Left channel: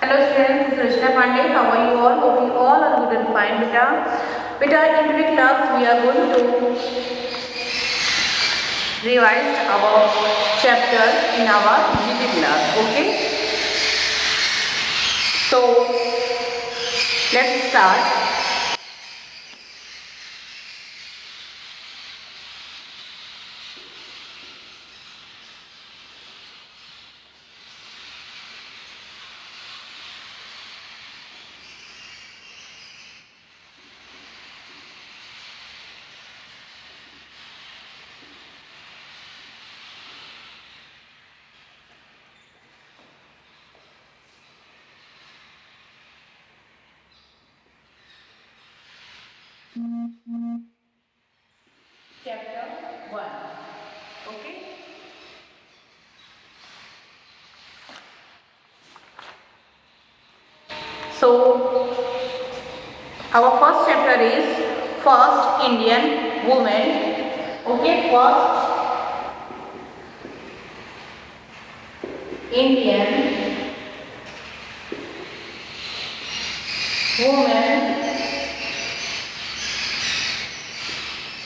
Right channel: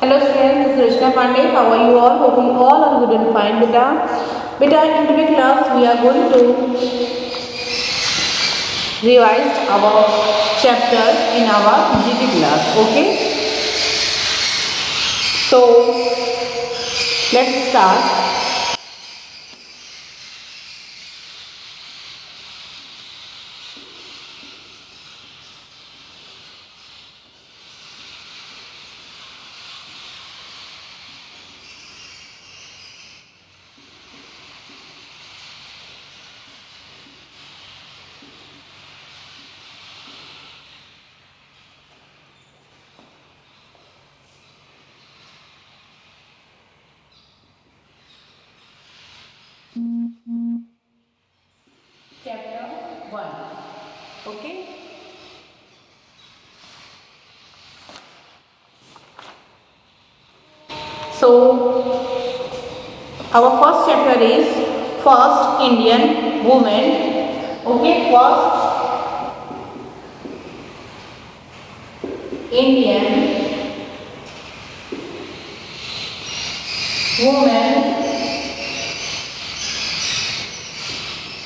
Hello students, this is Rishna Pandey. How are you all? Hope you all are good and fine, beta. Beta, in today's class we are going to revise our chapter in our GT class. Okay. So let's start. Chapter 1. Okay. So our first chapter is first Indian woman. Okay, first Indian woman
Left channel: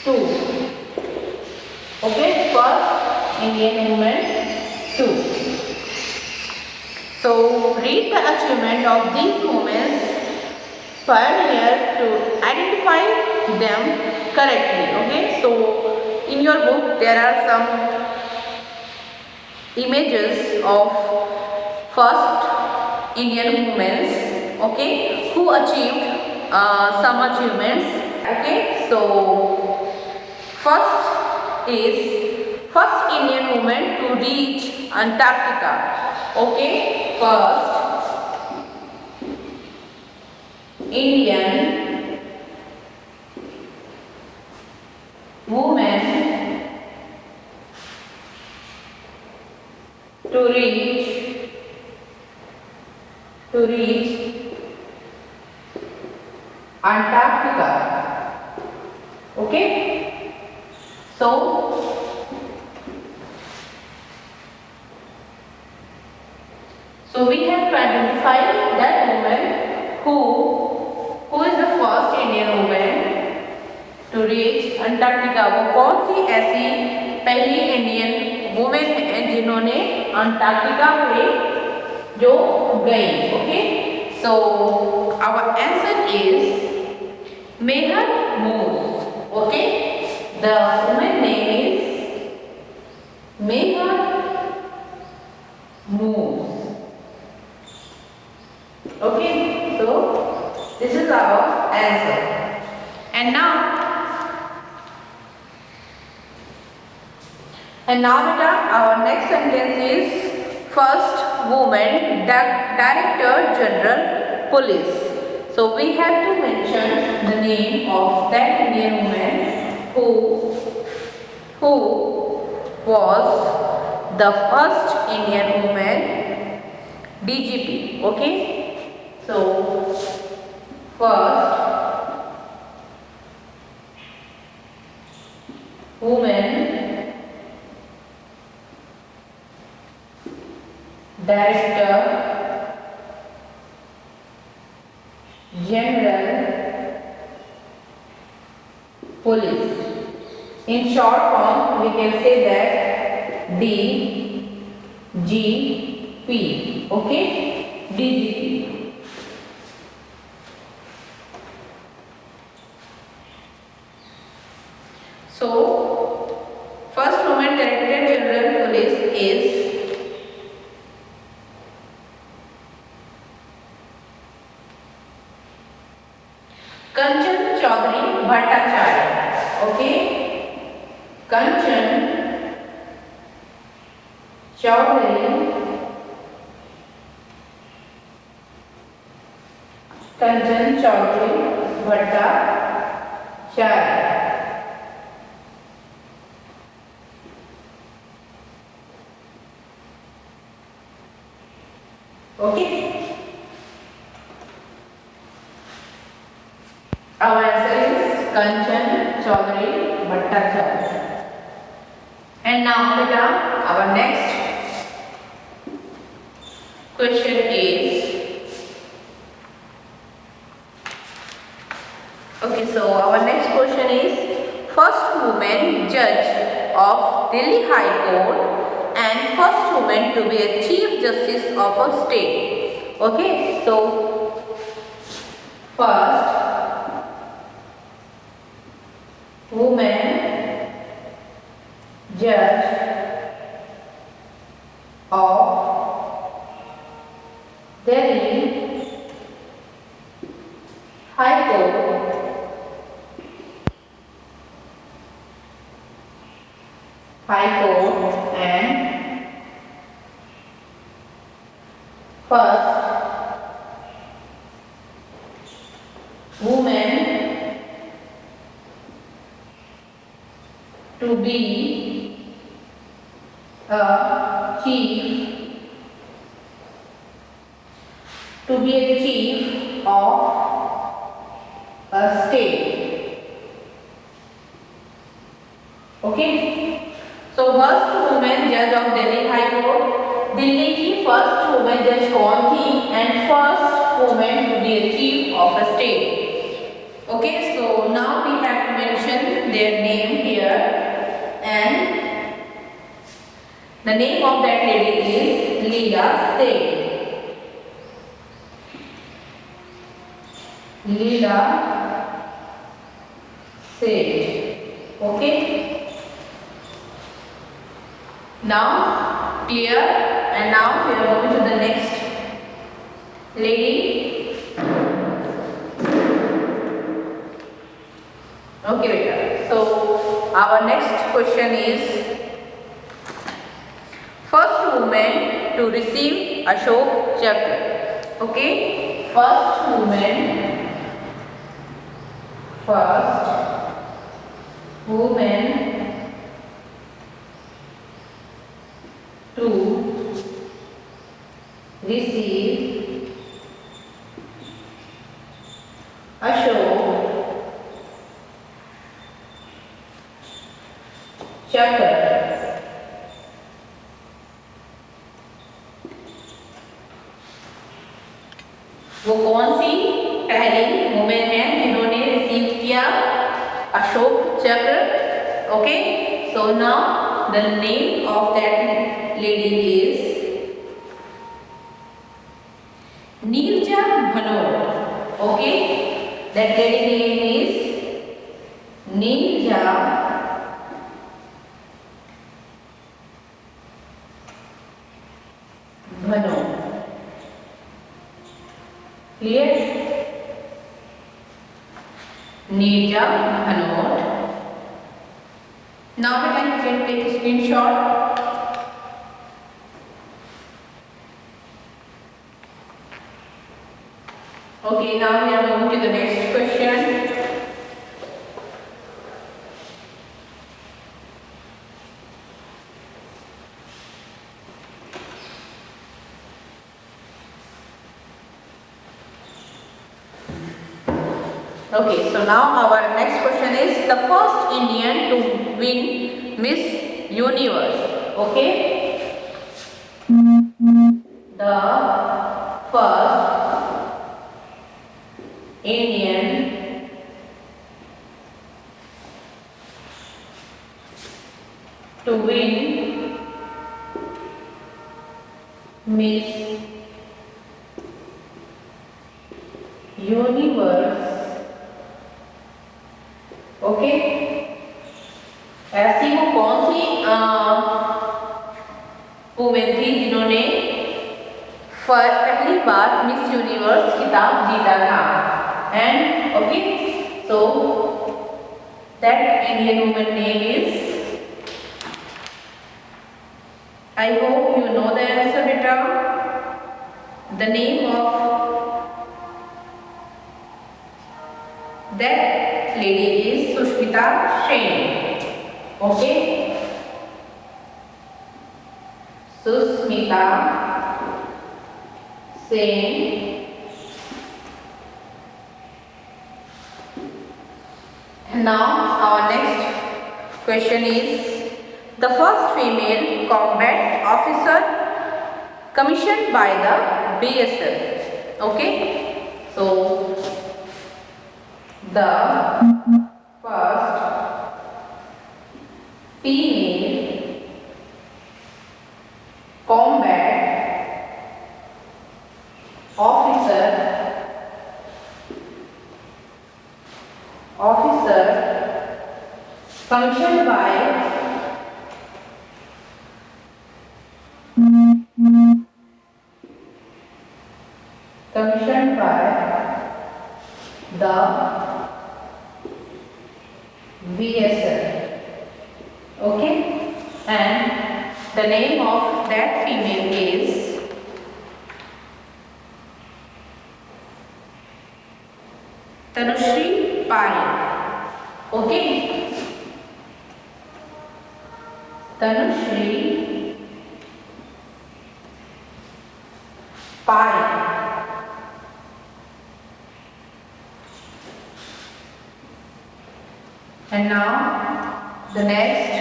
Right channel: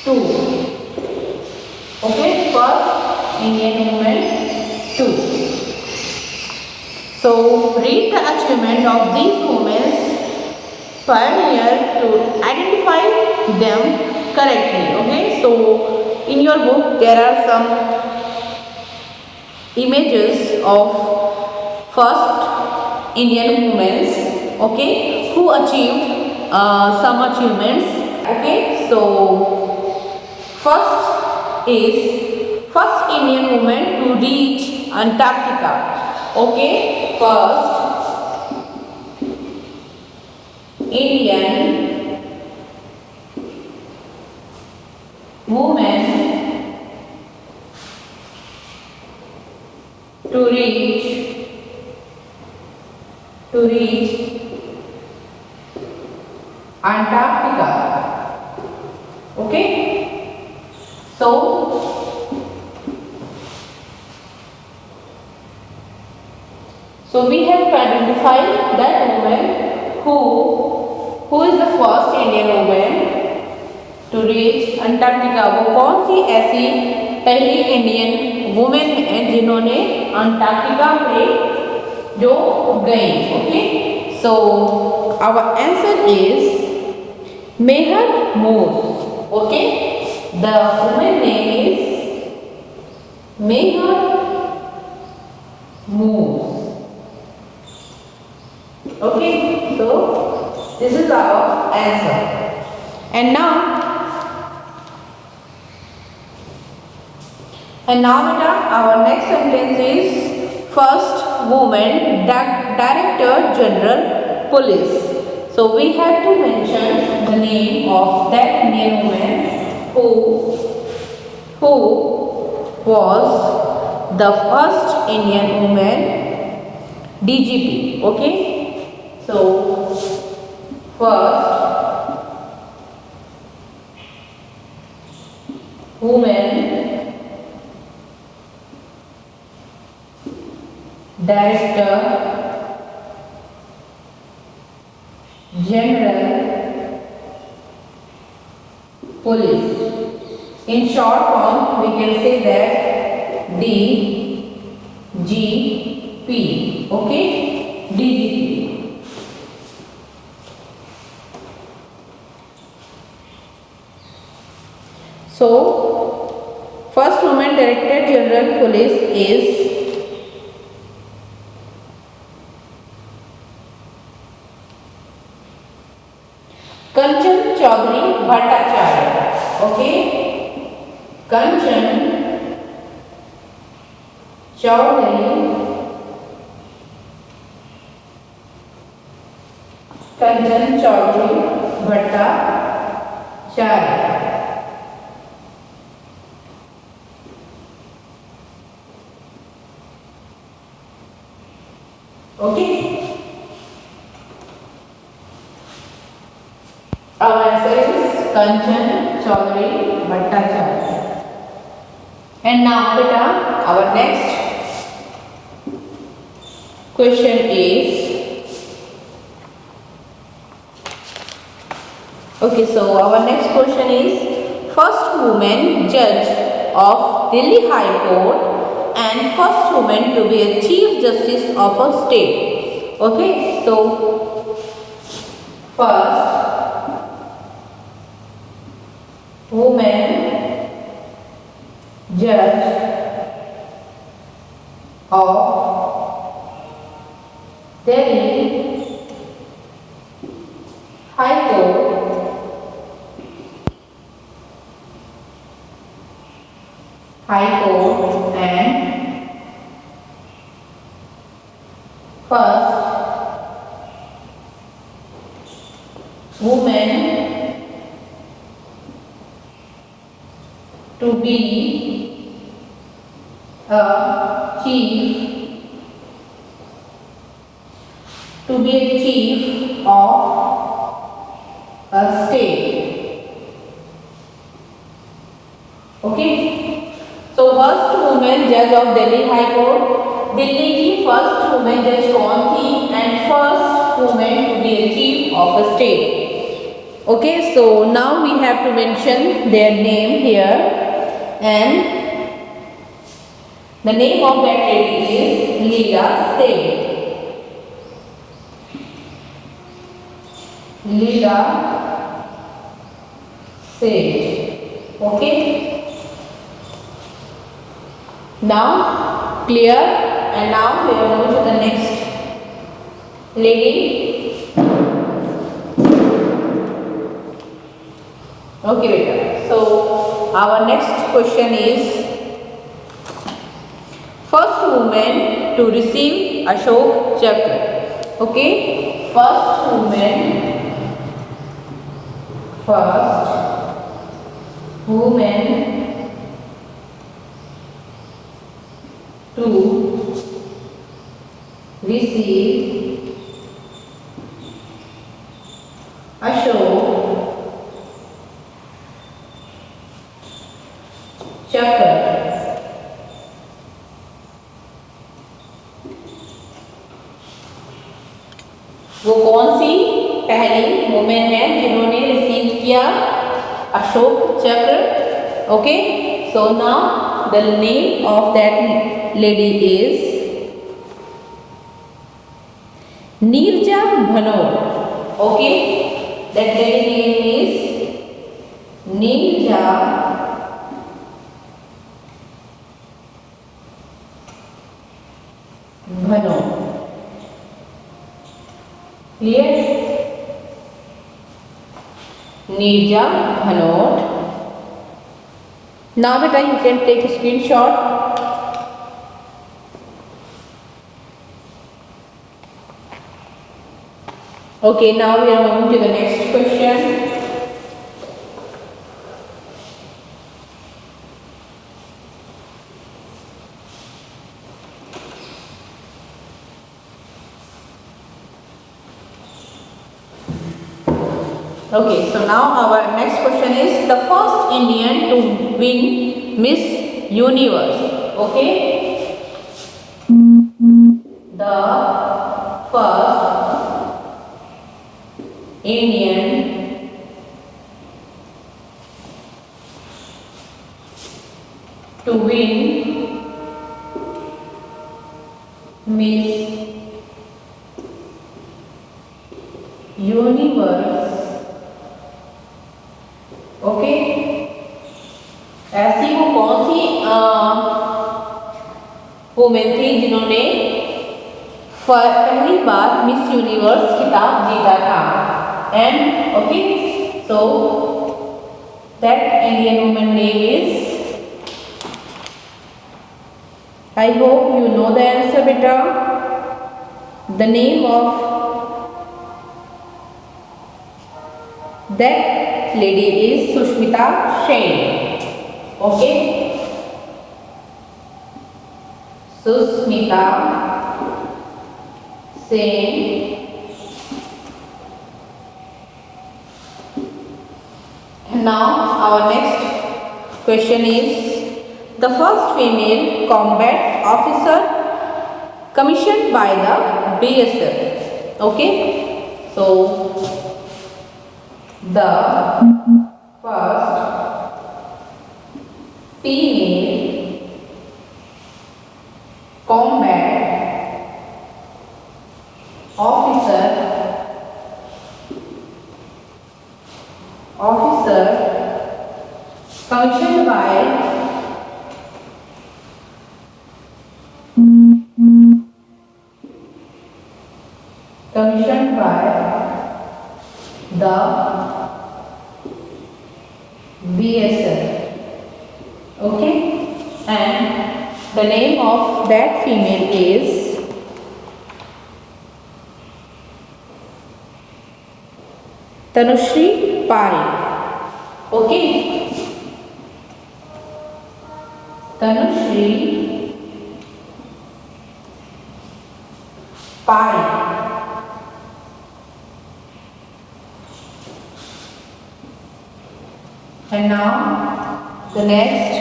2. Okay, first Indian woman 2. So read the achievement of these women pioneer to identify them correctly. Okay, so in your book there are some images of first Indian women, okay, who achieved some achievements. Okay, so first is first Indian woman to reach Antarctica. Okay, first Indian woman to reach Antarctica. Okay, so we have to identify that woman who is the first Indian woman to reach Antarctica. वो कौन सी ऐसी पहली Indian women है जिन्होंने Antarctica पे जो गई. Okay, so our answer is Mehar Moos. Okay, the women name is Mehar Moos. Okay, so this is our answer. And now beta, our next sentence is first woman Director General Police. So we have to mention the name of that Indian woman who was the first Indian woman DGP. Okay, so first woman Director General Police. In short form we can say that DGP. Okay, DGP. So first woman Director General Police is Kanchan Chaudhary Bhattacharya. Okay, Kanchan Chaudhary Bhattacharya. Okay, our answer is Kanchan Chaudhary Bhattacharya. And now beta, our next question is Okay, so our next question is first woman judge of Delhi High Court and first woman to be a Chief Justice of a state. Okay, so first woman judge of Delhi High Court and first woman to be a chief of a state. Okay. So first woman judge of Delhi High Court, Delhi की first woman judge कौन थी and first woman to be a chief of a state. Okay, so now we have to mention their name here, and the name of that lady is Leela Seth. Leela Seth. Okay. Now clear, and now we are going to the next lady. Okay, beta. So our next question is first woman to receive Ashok Chakra. Okay, first woman to receive Ashok Chakra. वो कौन सी पहली women है जिन्होंने receive किया अशोक चक्र? Okay, so now the name of that lady is Neerja Bhanot. Okay, that lady name is Neerja Bhanot. Clear? Neerja Bhanot. Now the time you can take a screenshot. Okay, now we are moving to the next question. Okay, so now our next question is the first Indian to win Miss Universe. Okay, the first Indian to win Miss Universe. Okay, ऐसी वो कौन सी women थी जिन्होंने पहली बार miss universe खिताब जीता था? And okay, so that Indian women name is, I hope you know the answer बेटा. The name of that lady is Sushmita Sen. Okay, Sushmita Sen. And now our next question is the first female combat officer commissioned by the BSF. Okay, so the first female combat officer commissioned by the BSF. Okay, and the name of that female is Tanushree Parikh. Okay, Tanushree Parikh. And now the next,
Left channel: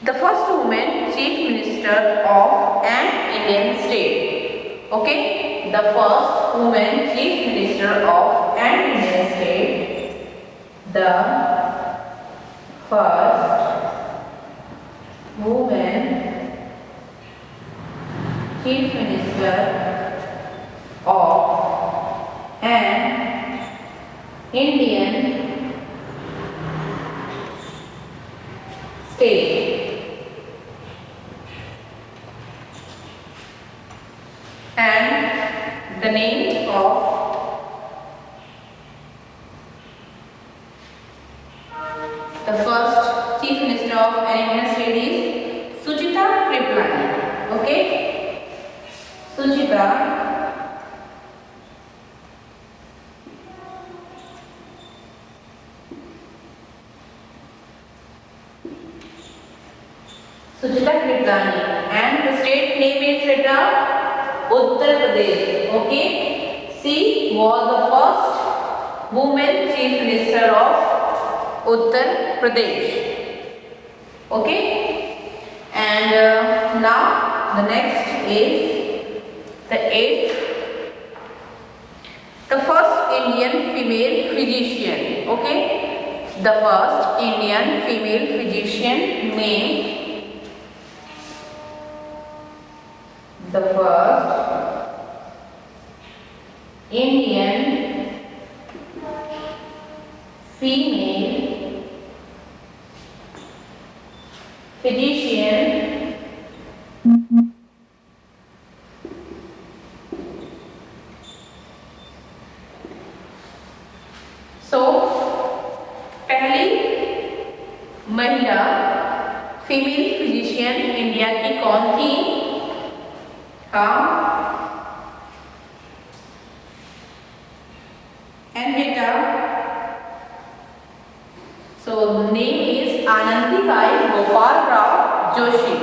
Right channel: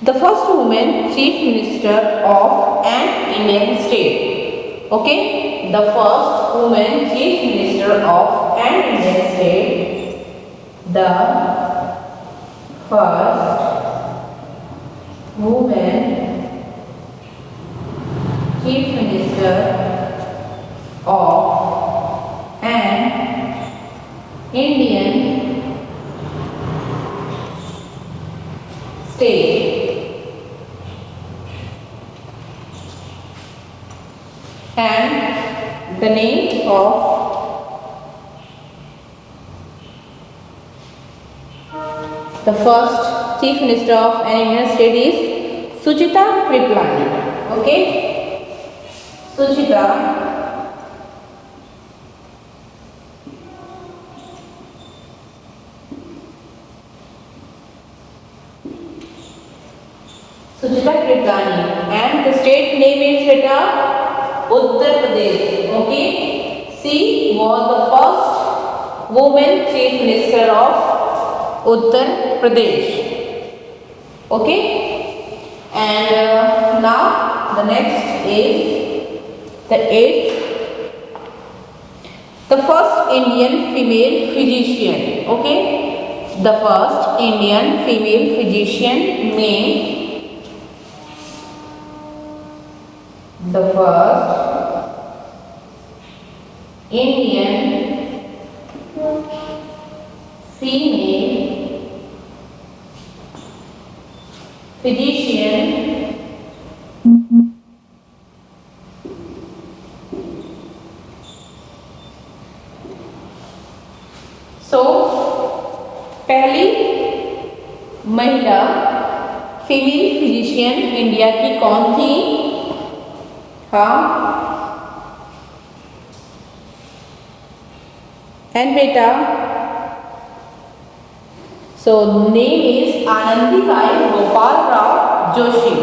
the first woman chief minister of an Indian state. Okay, the first woman chief minister of an Indian state. The first woman chief minister of an Indian state. And the name of the first chief minister of an Indian state is Suchita Kriplani. Okay, Suchita Kriplani, and the state name is Uttar Pradesh. Okay, she was the first woman chief minister of Uttar Pradesh. Okay, and now the next is the eighth, the first Indian female physician. Okay, the first Indian female physician named the first Indian female physician so पहली महिला female physician India की कौन थी? हाँ, and beta, so name is Anandibai Gopal Rao Joshi.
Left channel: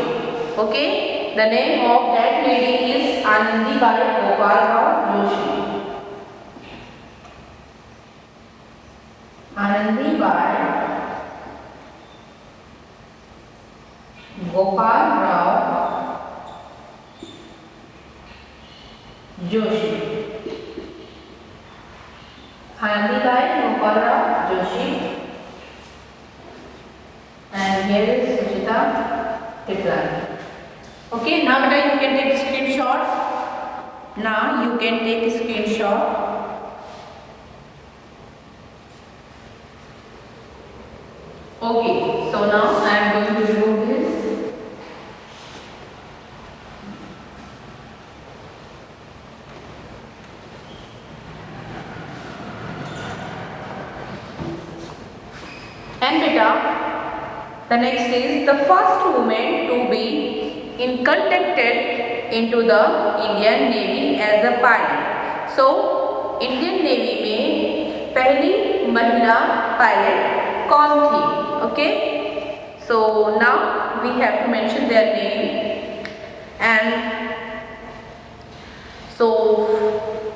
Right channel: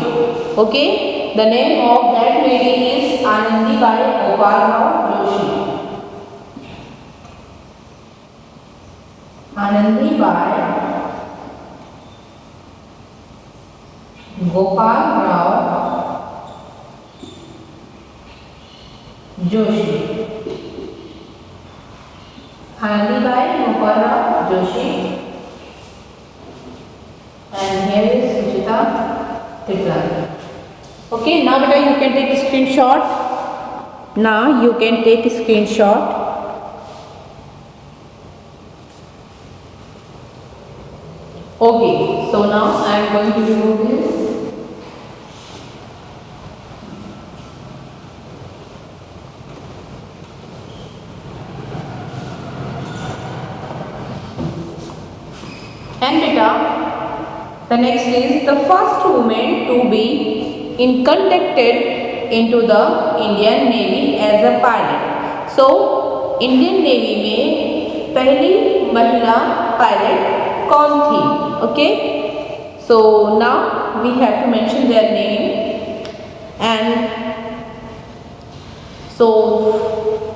Okay, the name of that lady is Anandibai Gopal Rao Joshi. Anandibai Gopal Rao Joshi. Anandibai Gopal Rao Joshi. And here is Suchita Kriplani. Okay, now beta you can take a screenshot. Now you can take a screenshot. Okay, so now I am going to remove this. And beta, the next is the first woman to be inducted into the Indian Navy as a pilot. So, Indian Navy में पहली महिला pilot कौन थी? Okay, so now we have to mention their name, and so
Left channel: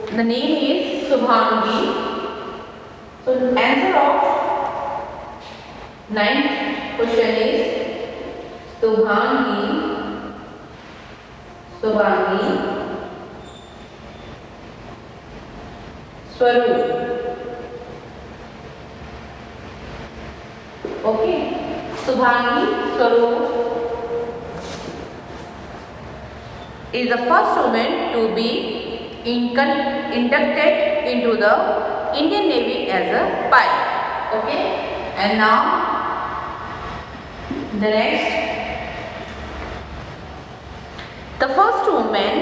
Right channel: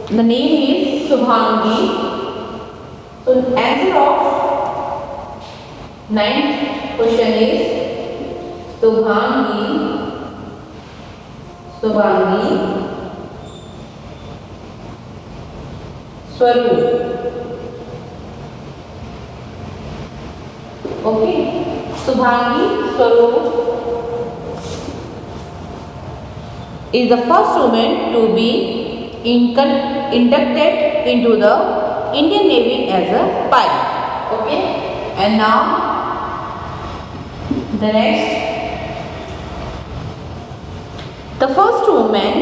the name is Subhangi. So answer of ninth question is Subhangi स्वरूप. Okay, Subhangi Swaroop is the first woman to be inducted into the Indian Navy as a pilot. Okay, and now the next, the first woman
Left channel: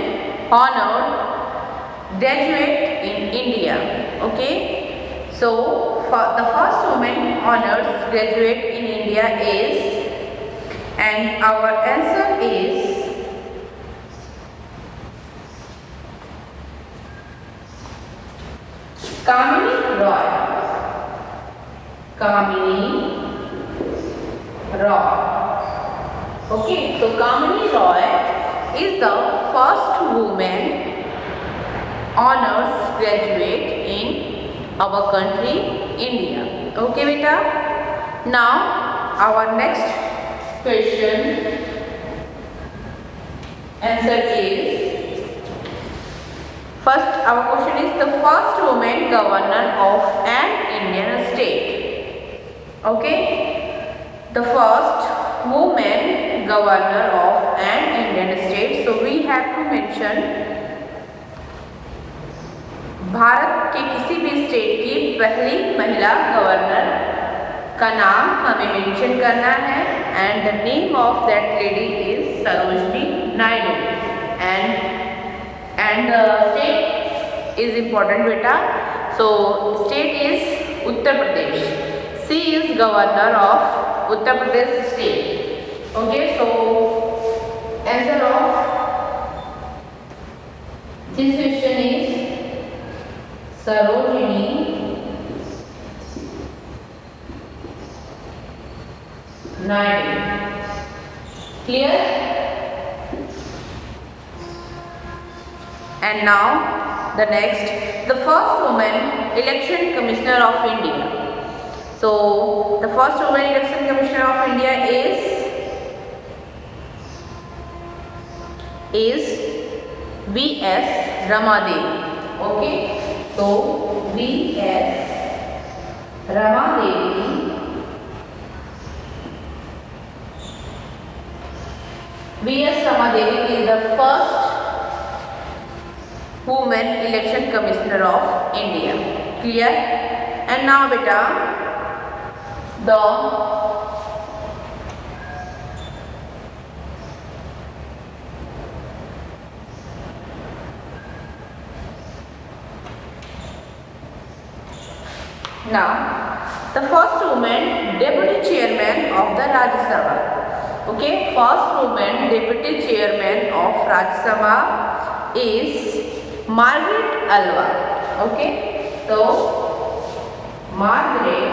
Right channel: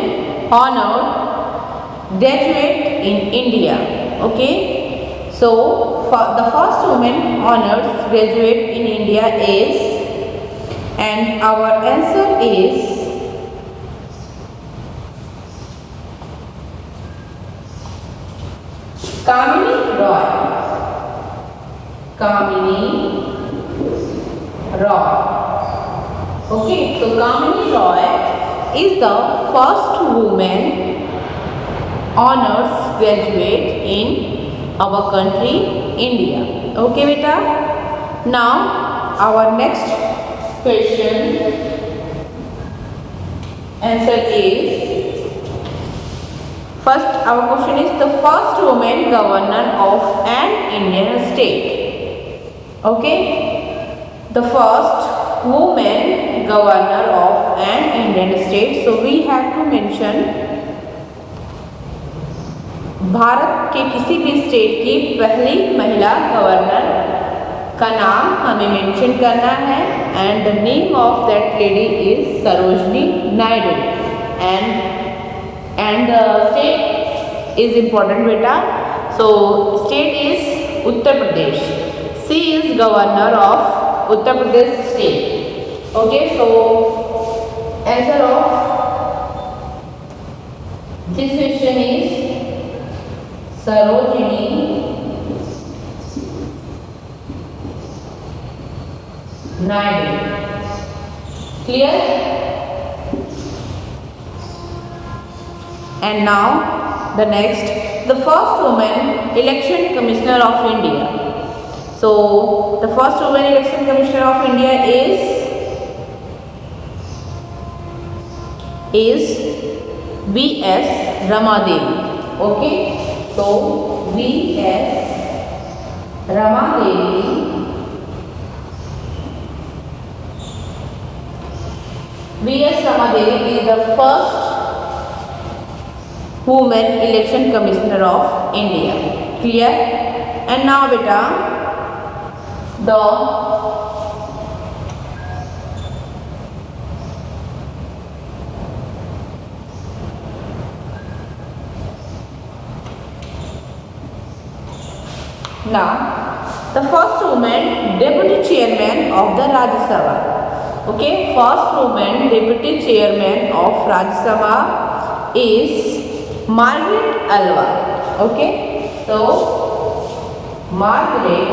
honored graduate in India. Okay, so the first woman honored graduate in India is, and our answer is Kamini Roy. Kamini Roy. Okay, so Kamini Roy is the first woman honors graduate in our country India. Okay beta. Now our next question answer is, first our question is the first woman governor of an Indian state. Okay, the first woman governor of an Indian state. So we have to mention Bharat के किसी भी state की पहली महिला governor का नाम हमें mention करना है, and the name of that lady is Sarojini Naidu, and state is important बेटा. So state is Uttar Pradesh. She is governor of Uttar Pradesh state. Okay, so answer of this question is Sarojini Naidu. Clear? And now the next, the first woman election commissioner of India. So the first woman election commissioner of India is V.S. Ramadevi. Okay, so V.S. Ramadevi is the first woman election commissioner of India. Clear? And now beta, the first woman deputy chairman of the Rajya Sabha. Okay, first woman deputy chairman of Rajya Sabha is Margaret Alva. Okay, so Margaret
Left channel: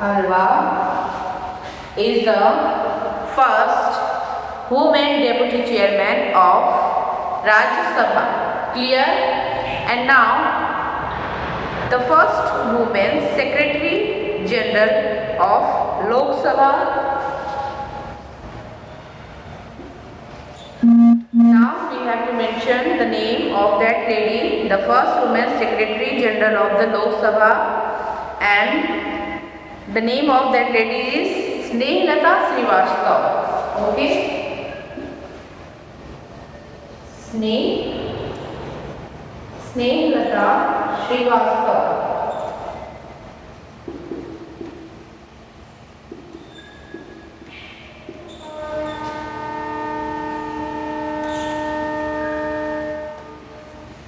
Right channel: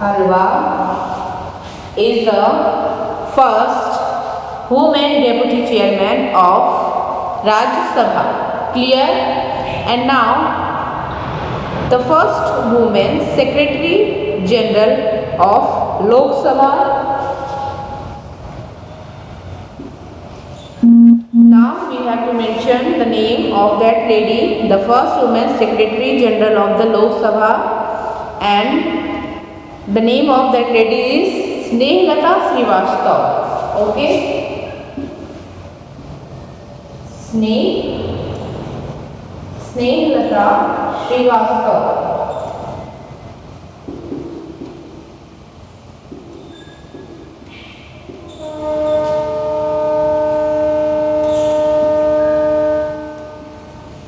Alva is the first woman deputy chairman of Rajya Sabha. Clear? And now the first woman secretary general of Lok Sabha. Now we have to mention the name of that lady, the first woman secretary general of the Lok Sabha, and the name of that lady is Snehlata Srivastava. Okay, Snehlata Srivastava.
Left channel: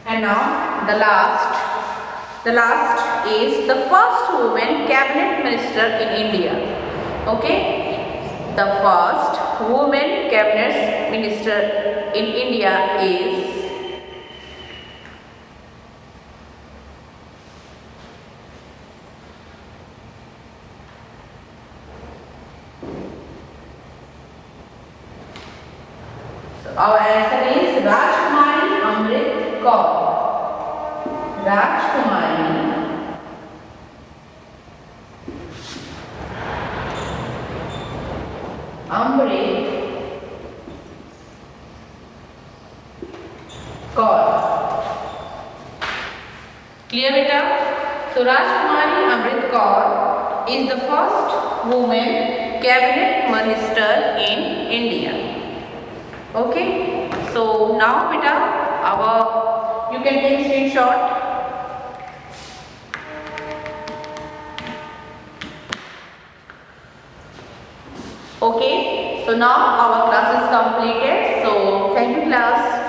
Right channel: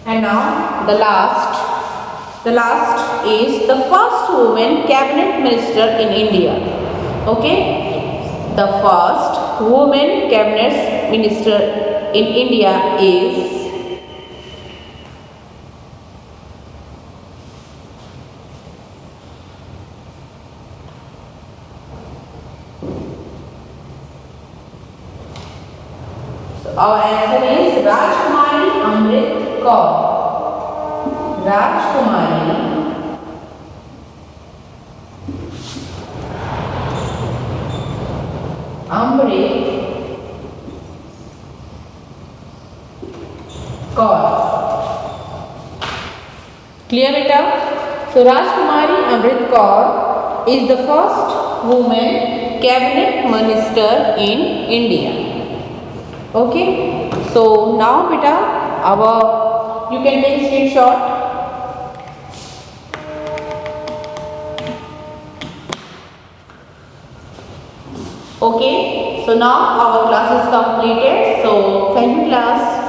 And now the last is the first woman cabinet minister in India. Okay, the first woman cabinet minister in India is our answer is Rajkumari Amrit Kaur. Rajkumari Kaur. Clear beta? So Rajkumari Amrit Kaur is the first woman cabinet minister in India. Okay. So now beta, you can take a screenshot. Okay. So now our class is completed. So thank you class.